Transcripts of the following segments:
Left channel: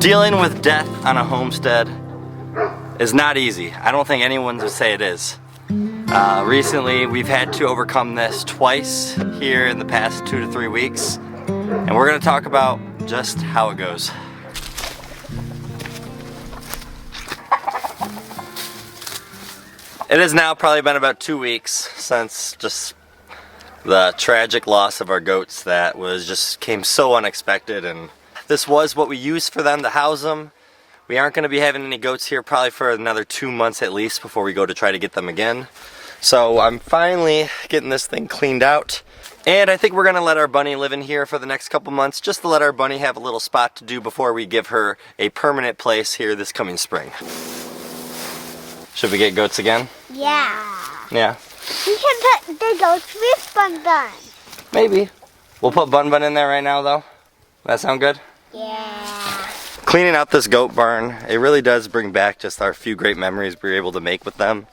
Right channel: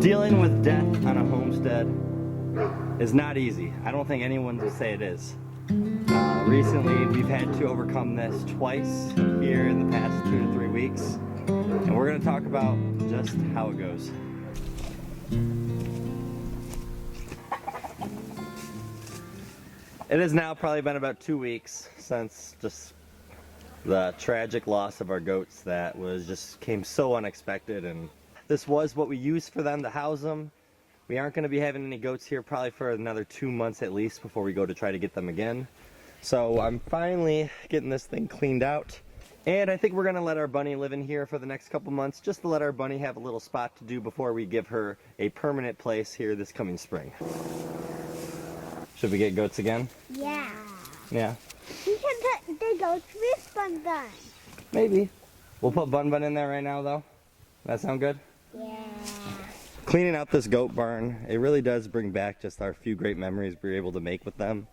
Dealing with death on a homestead is not easy. I don't think anyone would say it is. Recently, we've had to overcome this twice here in the past 2 to 3 weeks, and we're going to talk about just how it goes. It has now probably been about 2 weeks since just the tragic loss of our goats that came so unexpected, and this was what we used for them to house them. We aren't going to be having any goats here probably for another 2 months at least before we go to try to get them again. So I'm finally getting this thing cleaned out, and I think we're going to let our bunny live in here for the next couple months just to let our bunny have a little spot to do before we give her a permanent place here this coming spring. Should we get goats again? Yeah. Yeah. We can put the goats with Bun Bun. Maybe. We'll put Bun Bun in there right now though. That sound good? Yeah. Cleaning out this goat barn, it really does bring back just our few great memories we were able to make with them.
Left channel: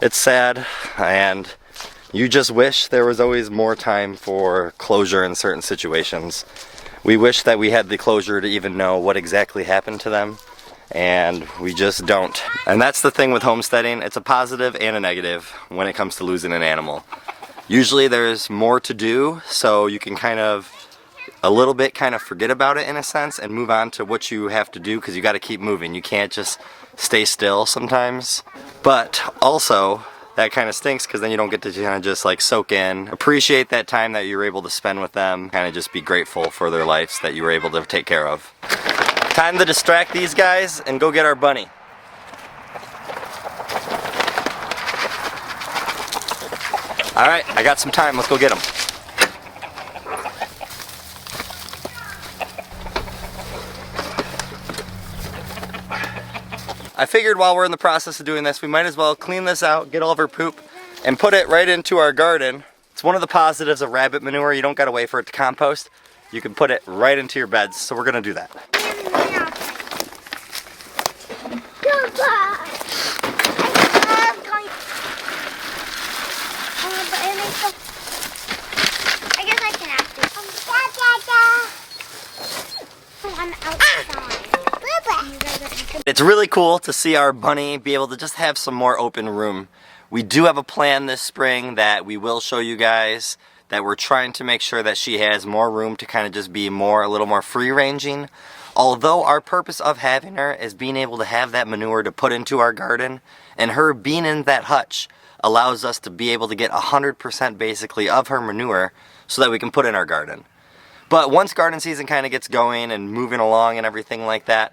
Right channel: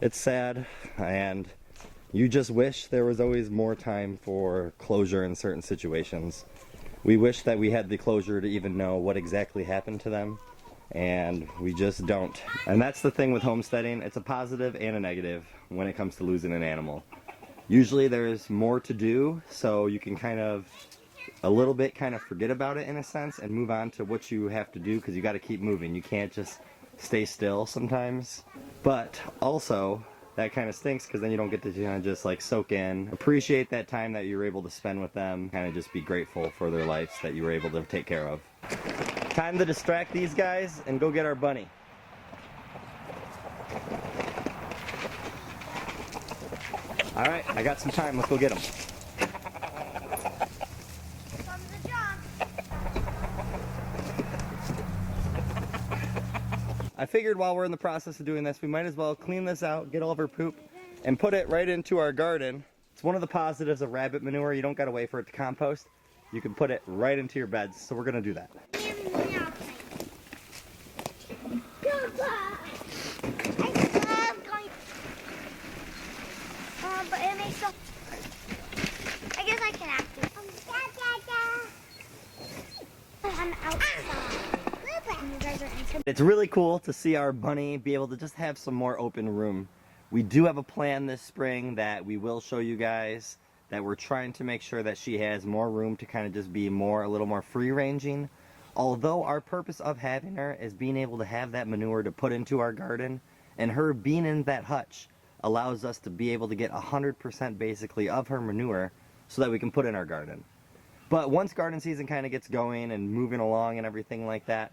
It's sad, and you just wish there was always more time for closure in certain situations. We wish that we had the closure to even know what exactly happened to them, and we just don't. And that's the thing with homesteading. It's a positive and a negative when it comes to losing an animal. Usually there's more to do, so you can a little bit forget about it in a sense and move on to what you have to do, because you got to keep moving. You can't just stay still sometimes. But also, that kind of stinks because then you don't get to just soak in, appreciate that time that you were able to spend with them, just be grateful for their lives that you were able to take care of. Time to distract these guys and go get our bunny. Alright, I got some time, let's go get him. I figured while we're in the process of doing this, we might as well clean this out, get all of her poop, and put it right into our garden. It's one of the positives of rabbit manure. You don't gotta wait for it to compost. You can put it right into your beds, so we're gonna do that. I guess I can ask you. I'm outside. It's really cool to see our bunny be able to just have some more open room. We do have a plan this spring that we will show you guys, that we're trying to make sure that she has more room to just be a little more free ranging. Although our purpose of having her is being able to have that manure to put into our garden, and her being in that hutch allows us to be able to get 100% basically of her manure so that we can put in our garden. But once garden season gets going and moving along and everything like that,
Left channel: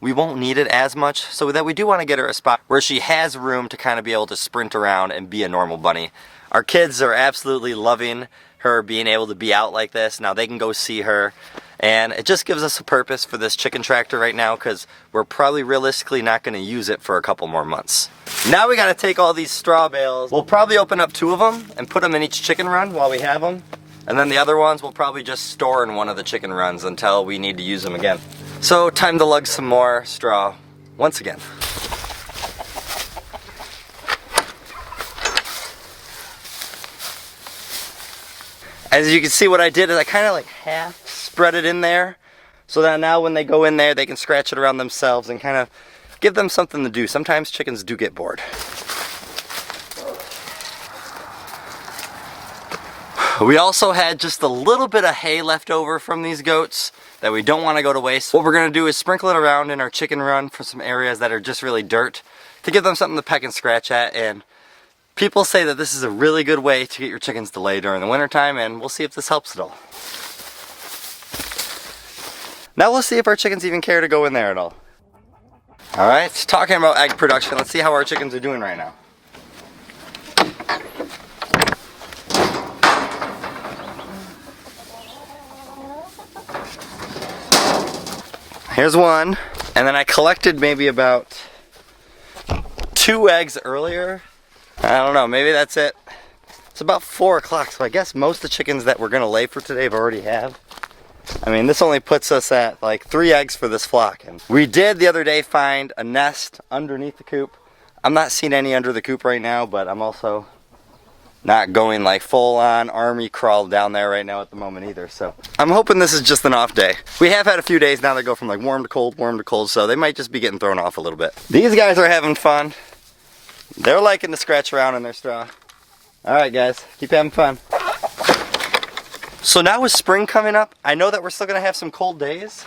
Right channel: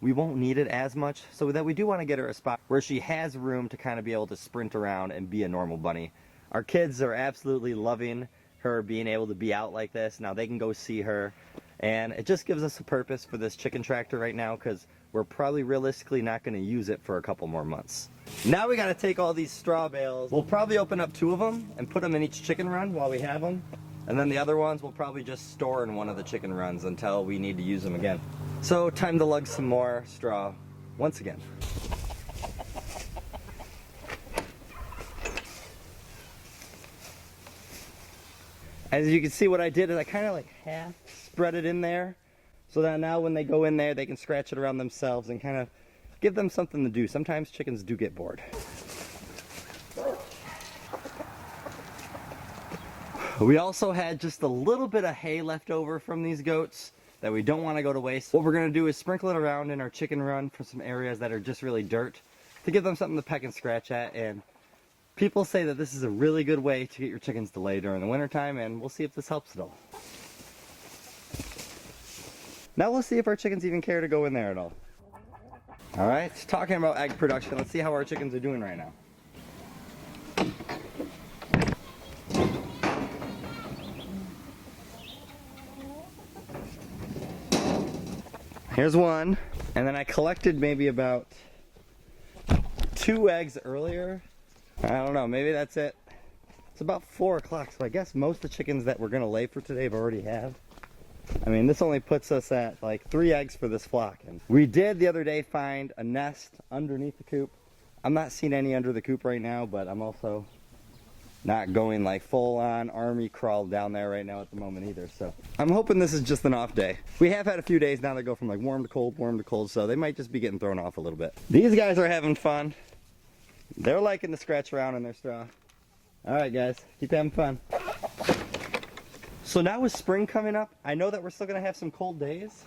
we won't need it as much, so that we do want to get her a spot where she has room to be able to sprint around and be a normal bunny. Our kids are absolutely loving her being able to be out like this. Now they can go see her, and it just gives us a purpose for this chicken tractor right now, because we're probably realistically not going to use it for a couple more months. Now we got to take all these straw bales. We'll probably open up 2 of them and put them in each chicken run while we have them, and then the other ones we'll probably just store in one of the chicken runs until we need to use them again. So time to lug some more straw once again. As you can see, what I did is I half spread it in there, so that now when they go in there they can scratch it around themselves and give them something to do. Sometimes chickens do get bored. We also had just a little bit of hay left over from these goats that we don't want to go to waste. What we're going to do is sprinkle it around in our chicken run for some areas that are just really dirt, to give them something to peck and scratch at. And people say that this is a really good way to get your chickens to lay during the wintertime, and we'll see if this helps at all. Now we'll see if our chickens even care to go in there at all. Alright, talking about egg production, let's see how our chickens are doing right now. Here's one, and then I collected maybe about 2 eggs earlier. I don't know, maybe that's it. It's about 4 o'clock, so I guess most of the chickens that we're gonna lay for today have already have. I mean, this only puts us at 3 eggs for this flock. And we did the other day find a nest underneath the coop. I'm not seeing any under the coop right now, but I'm also not going like full on army crawl down there right now at the moment either. So I'm hoping this is just an off day. We have had a few days now that go from like warm to cold, so they might just be getting thrown off a little bit. These guys are having fun. They're liking to scratch around in their straw. All right guys, keep having fun. So now with spring coming up, I know that we're still gonna have some cold days,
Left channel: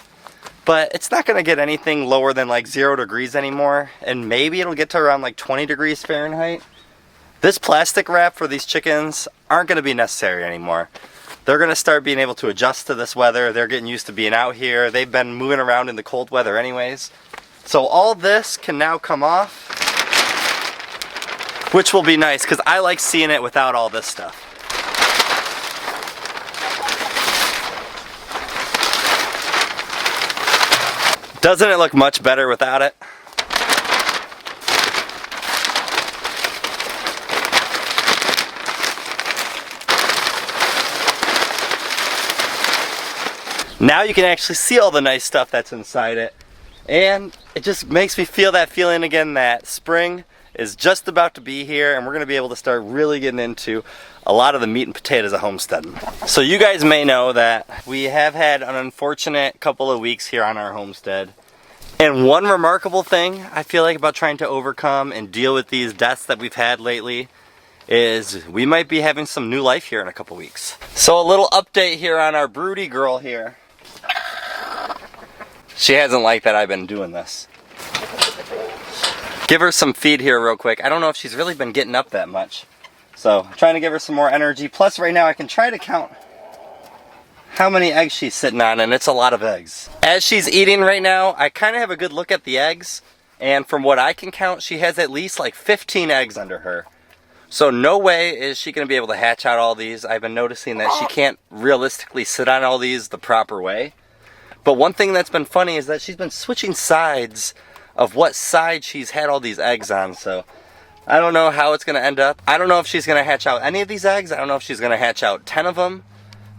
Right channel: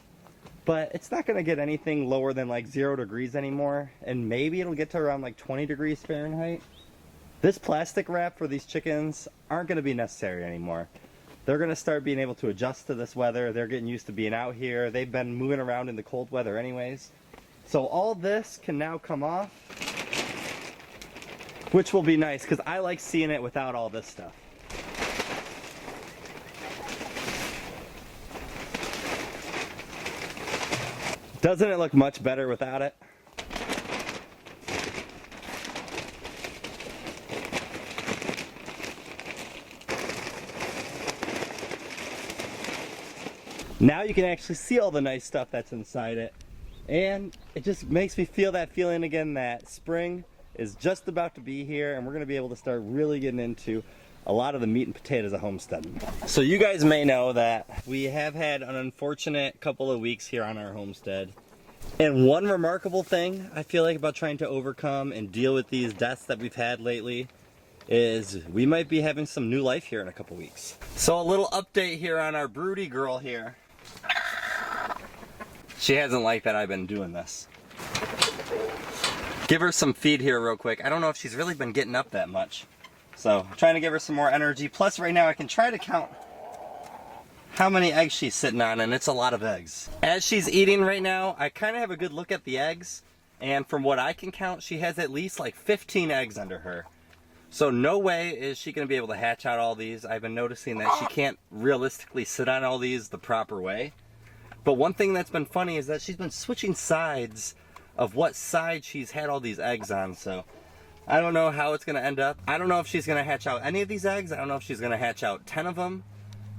but it's not gonna get anything lower than like 0 degrees anymore, and maybe it'll get to around like 20 degrees Fahrenheit. This plastic wrap for these chickens aren't gonna be necessary anymore. They're gonna start being able to adjust to this weather. They're getting used to being out here. They've been moving around in the cold weather anyways. So all this can now come off, which will be nice because I like seeing it without all this stuff. Doesn't it look much better without it? Now you can actually see all the nice stuff that's inside it. And it just makes me feel that feeling again that spring is just about to be here and we're gonna be able to start really getting into a lot of the meat and potatoes of homesteading. So you guys may know that we have had an unfortunate couple of weeks here on our homestead. And one remarkable thing I feel like about trying to overcome and deal with these deaths that we've had lately is we might be having some new life here in a couple weeks. So a little update here on our broody girl here. She hasn't liked that I've been doing this. Give her some feed here real quick. I don't know if she's really been getting up that much. So I'm trying to give her some more energy. Plus right now I can try to count how many eggs she's sitting on, and it's a lot of eggs. As she's eating right now, I kind of have a good look at the eggs, and from what I can count, she has at least like 15 eggs under her. So no way is she gonna be able to hatch out all these. I've been noticing that she can't realistically sit on all these the proper way. But one thing that's been funny is that she's been switching sides of what side she's had all these eggs on, so I don't know how it's gonna end up. I don't know if she's gonna hatch out any of these eggs. I don't know if she's gonna hatch out 10 of them.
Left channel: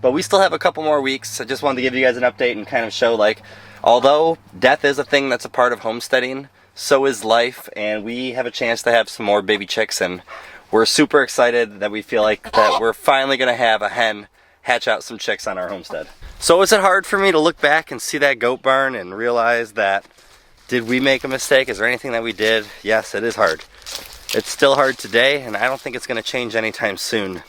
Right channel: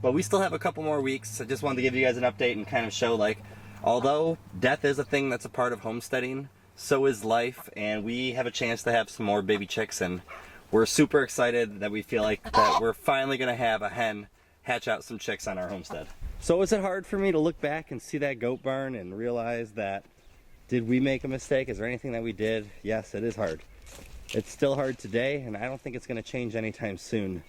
But we still have a couple more weeks. I just wanted to give you guys an update and kind of show like, although death is a thing that's a part of homesteading, so is life, and we have a chance to have some more baby chicks, and we're super excited that we feel like that we're finally gonna have a hen hatch out some chicks on our homestead. So is it hard for me to look back and see that goat barn and realize that, did we make a mistake? Is there anything that we did? Yes, it is hard. It's still hard today, and I don't think it's gonna change anytime soon.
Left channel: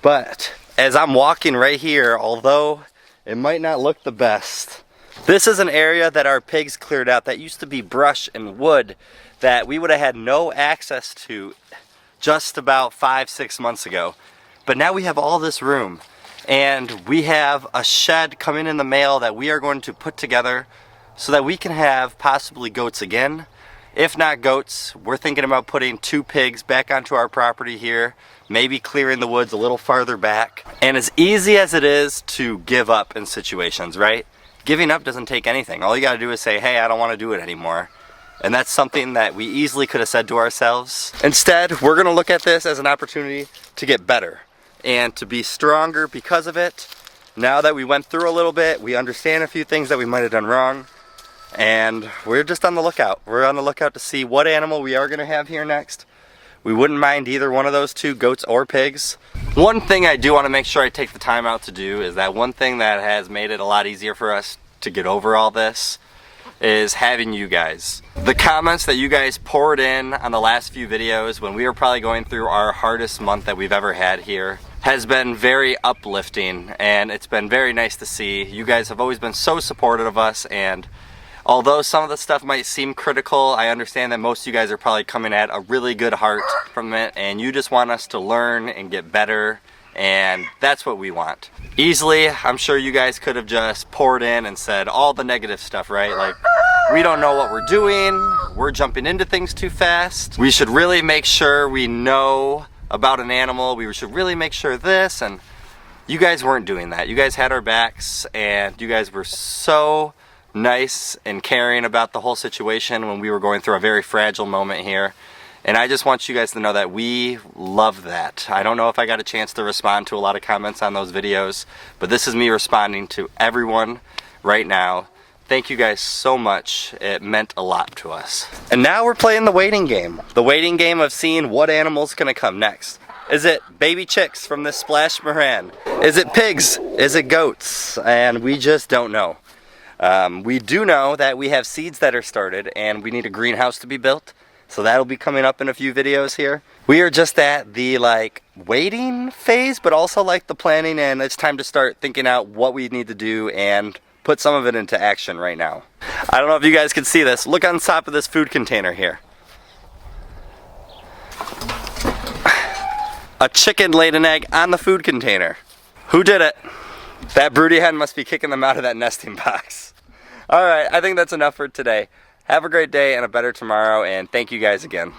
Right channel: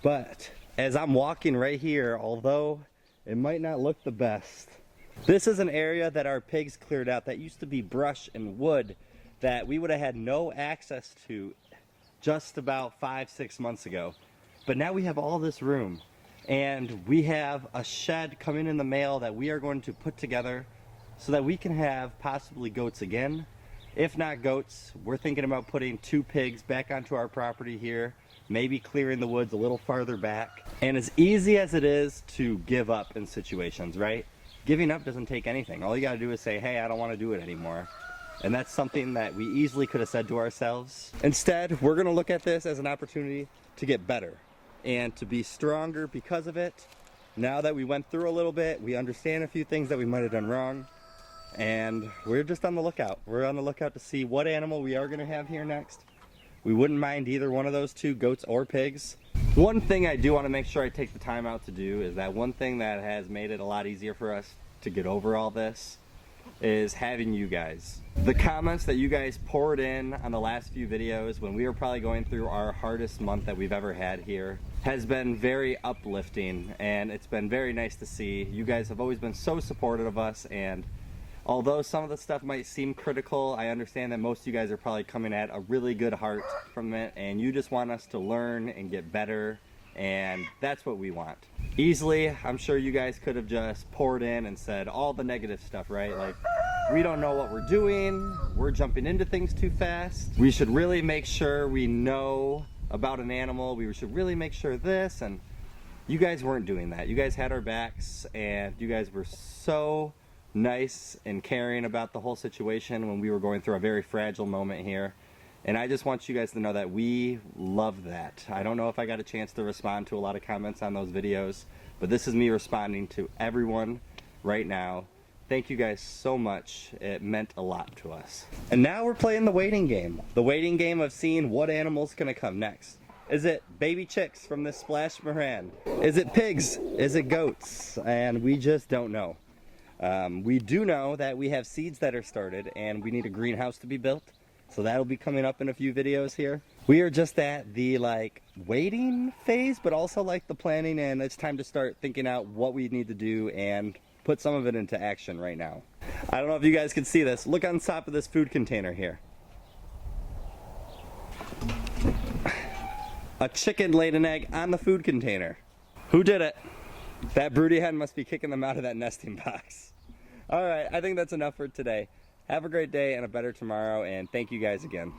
But as I'm walking right here, although it might not look the best, this is an area that our pigs cleared out that used to be brush and wood that we would have had no access to just about 5-6 months ago. But now we have all this room, and we have a shed coming in the mail that we are going to put together so that we can have possibly goats again. If not goats, we're thinking about putting 2 pigs back onto our property here, maybe clearing the woods a little farther back. And as easy as it is to give up in situations, right? Giving up doesn't take anything. All you gotta do is say, hey, I don't wanna do it anymore. And that's something that we easily could have said to ourselves. Instead, we're gonna look at this as an opportunity to get better and to be stronger because of it. Now that we went through a little bit, we understand a few things that we might have done wrong, and we're just on the lookout. We're on the lookout to see what animal we are gonna have here next. We wouldn't mind either one of those 2, goats or pigs. One thing I do want to make sure I take the time out to do is that one thing that has made it a lot easier for us to get over all this is having you guys. The comments that you guys poured in on the last few videos when we were probably going through our hardest month that we've ever had here has been very uplifting, and it's been very nice to see. You guys have always been so supportive of us, and although some of the stuff might seem critical, I understand that most of you guys are probably coming at a really good heart from it, and you just want us to learn and get better, and that's what we want. Easily, I'm sure you guys could have just poured in and said all the negative stuff, right? Like, we don't know what we're doing, we're jumping into things too fast, we should really make sure we know about an animal, we should really make sure this, and you guys weren't doing that. You guys had our backs, and you guys were so nice and caring about the whole situation when we were going through a very fragile moment here. And I just want you guys to know that we love that. I don't know if I got a chance to respond to a lot of comments on those videos, but this is me responding to everyone right now. Thank you guys so much. It meant a lot to us. And now we're playing the waiting game. The waiting game of seeing what animal's gonna come next. Is it baby chicks from this splash moran? Is it pigs? Is it goats? And we just don't know. We do know that we have seeds that are started and we need a greenhouse to be built. So that'll be coming up in a few videos here. We are just at the waiting phase, but also the planning, and it's time to start thinking out what we need to do and put some of it into action right now. I don't know if you guys can see this. Look on top of this food container here. A chicken laid an egg on the food container. Who did it? That broody hen must be kicking them out of that nesting box. All right, I think that's enough for today. Have a great day and a better tomorrow, and thank you guys again.